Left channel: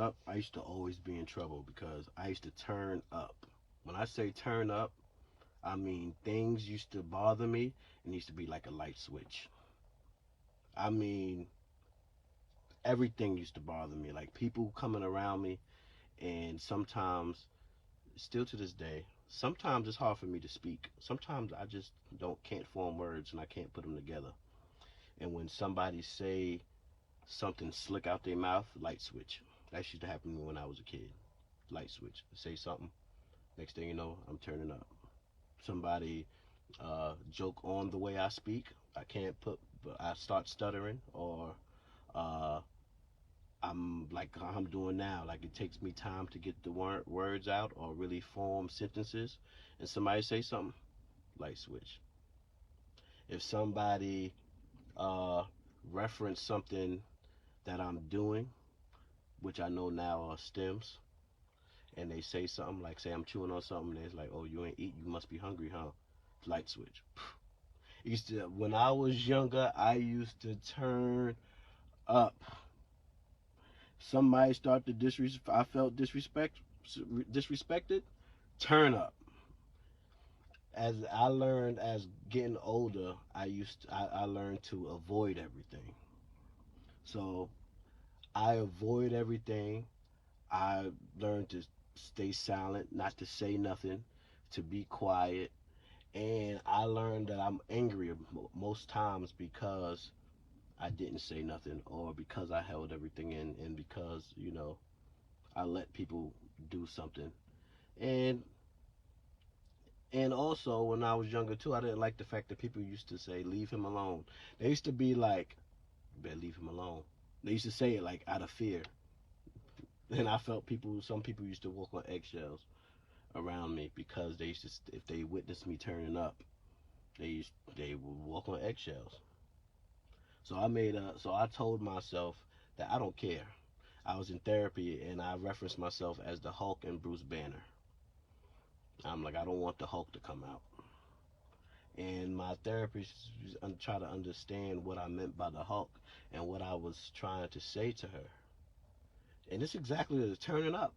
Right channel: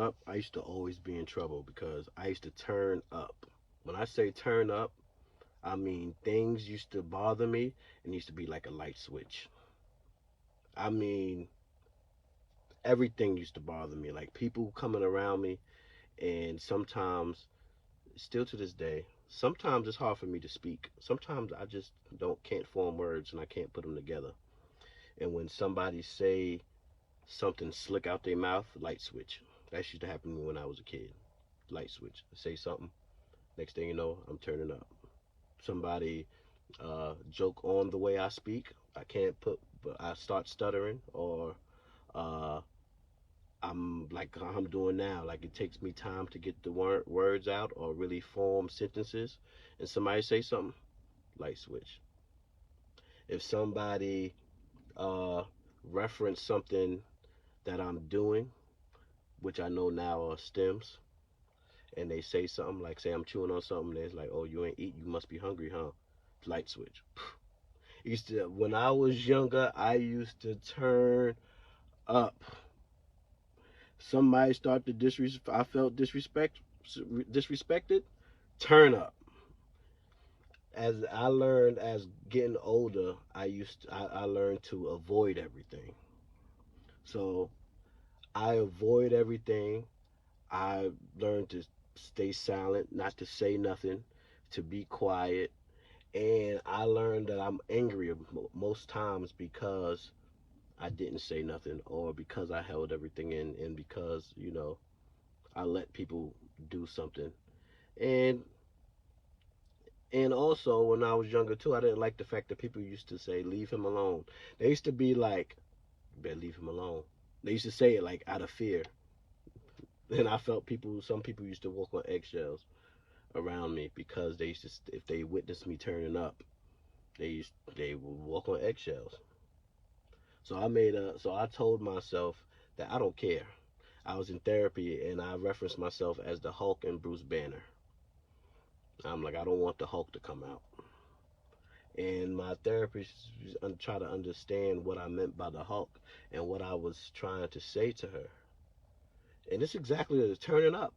up, I used to always be in trouble because I used to turn up. When I say turn up, I mean things used to bother me and used to be like a light switch. I mean, everything used to bother me. Like people coming around me, and sometimes, still to this day, sometimes it's hard for me to speak. Sometimes I just don't can't form words and I can't put them together. And when somebody say something slick out their mouth, light switch. That used to happen to me when I was a kid. Light switch. Say something. Next thing you know, I'm turning up. Somebody joke on the way I speak. I can't put, but I start stuttering, or uh, I'm like I'm doing now. Like it takes me time to get the words out or really form sentences. And somebody say something, light switch. If somebody uh, reference something that I'm doing, which I know now are stems, and they say something like, say I'm chewing on something, and it's like, oh, you ain't eat, you must be hungry, huh? Light switch. Used to When I was younger, I used to turn up. Somebody start to disrespect. I felt disrespected. Turn up. As I learned as getting older, I learned to avoid everything. So I avoid everything. I learned to stay silent, not to say nothing, to be quiet. And I learned that I'm angry most times because I didn't say nothing, or because I held everything in, and because, I let people do something. And and also when I was younger too, I didn't like the fact that people used to say, leave him alone. They used to be like, you better leave him alone. They used to say it like out of fear. And I felt some people used to walk on eggshells around me because they used to, if they witnessed me turning up, they would walk on eggshells. So I told myself that I don't care. I was in therapy and I referenced myself as the Hulk and Bruce Banner. I'm like, I don't want the Hulk to come out. And my therapist tried to understand what I meant by the Hulk and what I was trying to say to her. And it's exactly the turning up.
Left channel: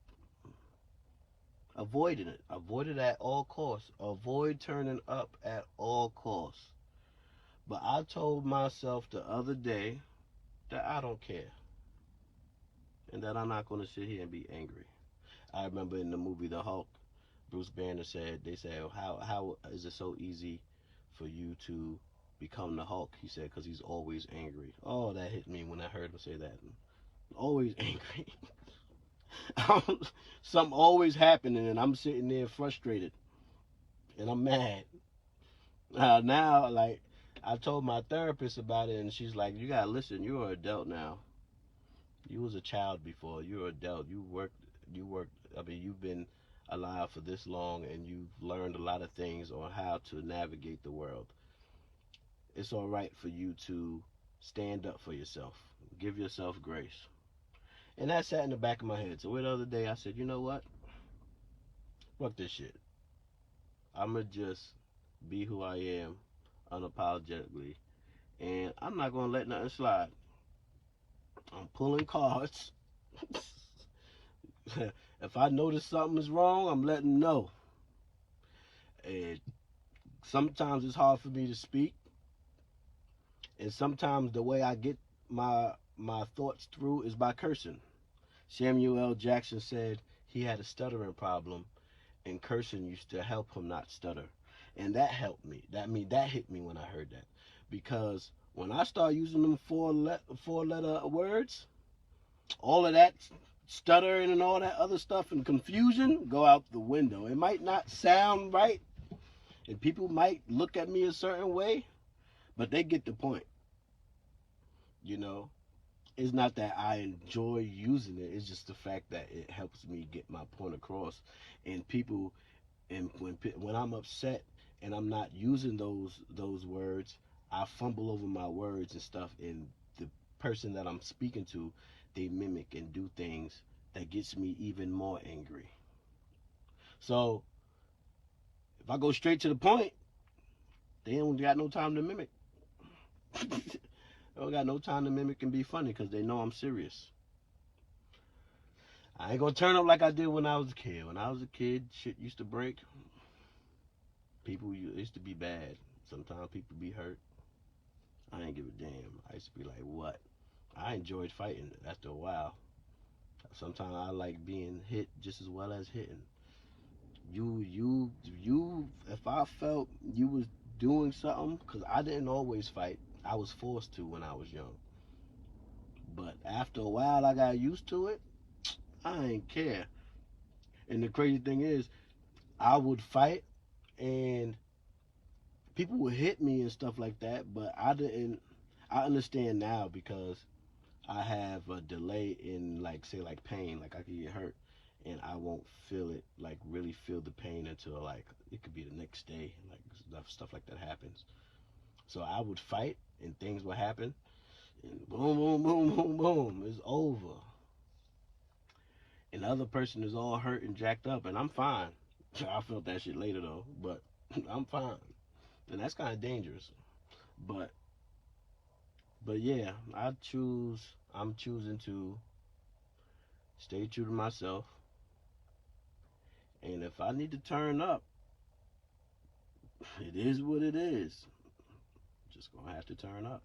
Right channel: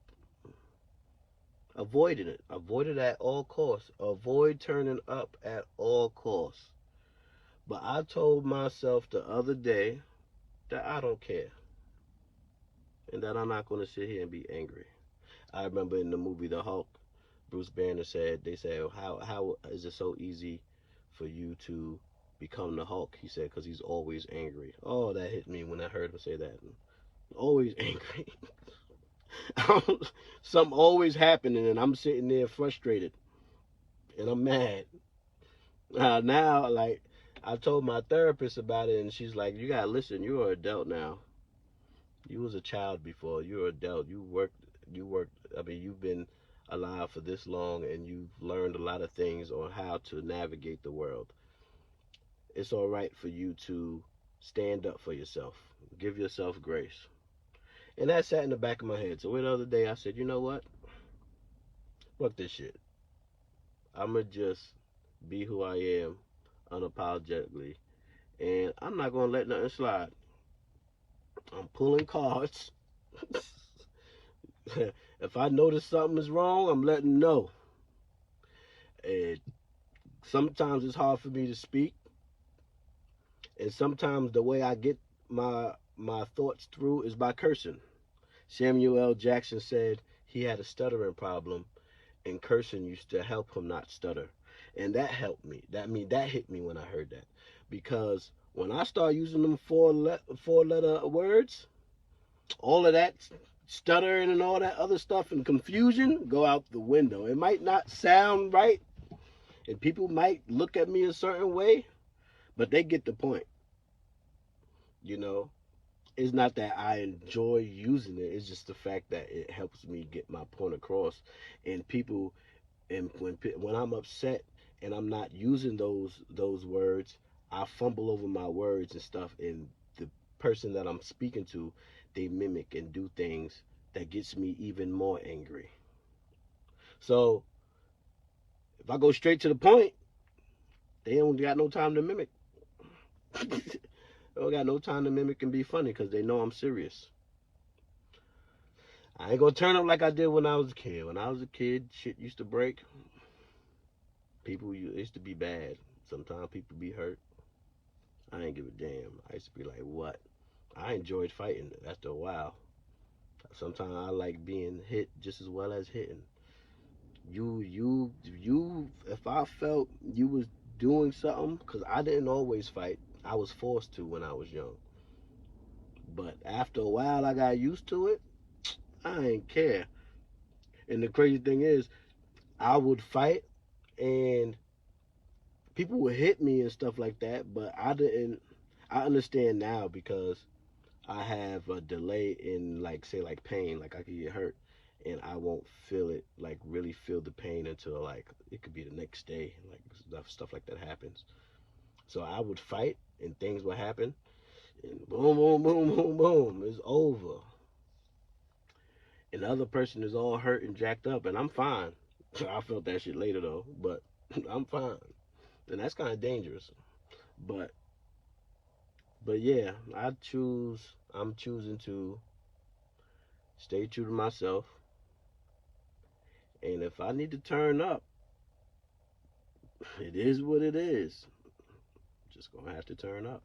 Avoiding it. Avoid it at all costs. Avoid turning up at all costs. But I told myself the other day that I don't care and that I'm not going to sit here and be angry. I remember in the movie The Hulk, Bruce Banner said, they said, how is it so easy for you to become the Hulk? He said, because he's always angry. Oh, that hit me when I heard him say that. Always angry. Something always happening, and I'm sitting there frustrated, and I'm mad. Now, like, I told my therapist about it, and she's like, you gotta listen, you're an adult now. You was a child before. You're an adult. You worked, I mean, you've been alive for this long, and you've learned a lot of things on how to navigate the world. It's all right for you to stand up for yourself. Give yourself grace. And that sat in the back of my head. So the other day I said, you know what? Fuck this shit. I'ma just be who I am unapologetically. And I'm not gonna let nothing slide. I'm pulling cards. If I notice something is wrong, I'm letting know. And sometimes it's hard for me to speak. And sometimes the way I get my thoughts through is by cursing. Samuel L. Jackson said he had a stuttering problem, and cursing used to help him not stutter. And that helped me. That hit me when I heard that, because when I start using them four letter words, all of that stuttering and all that other stuff and confusion go out the window. It might not sound right, and people might look at me a certain way, but they get the point. You know, it's not that I enjoy using it. It's just the fact that it helps me get my point across. And people, and when I'm upset and I'm not using those words, I fumble over my words and stuff. And the person that I'm speaking to, they mimic and do things that gets me even more angry. So if I go straight to the point, they don't got no time to mimic. They don't got no time to mimic and be funny because they know I'm serious. I ain't gonna turn up like I did when I was a kid. When I was a kid, shit used to break. People used to be bad. Sometimes people be hurt. I ain't give a damn. I used to be like, what? I enjoyed fighting after a while. Sometimes I like being hit just as well as hitting. You. If I felt you was doing something, cause I didn't always fight. I was forced to when I was young. But after a while, I got used to it. I ain't care. And the crazy thing is, I would fight and people would hit me and stuff like that, but I didn't. I understand now because I have a delay in like say like pain, like I could get hurt and I won't feel it like really feel the pain until like it could be the next day, like stuff like that happens. So I would fight and things would happen and boom boom boom boom boom, it's over. And the other person is all hurt and jacked up and I'm fine. I felt that shit later though, but I'm fine. And that's kind of dangerous. But yeah, I'm choosing to stay true to myself. And if I need to turn up, it is what it is. Just gonna have to turn up.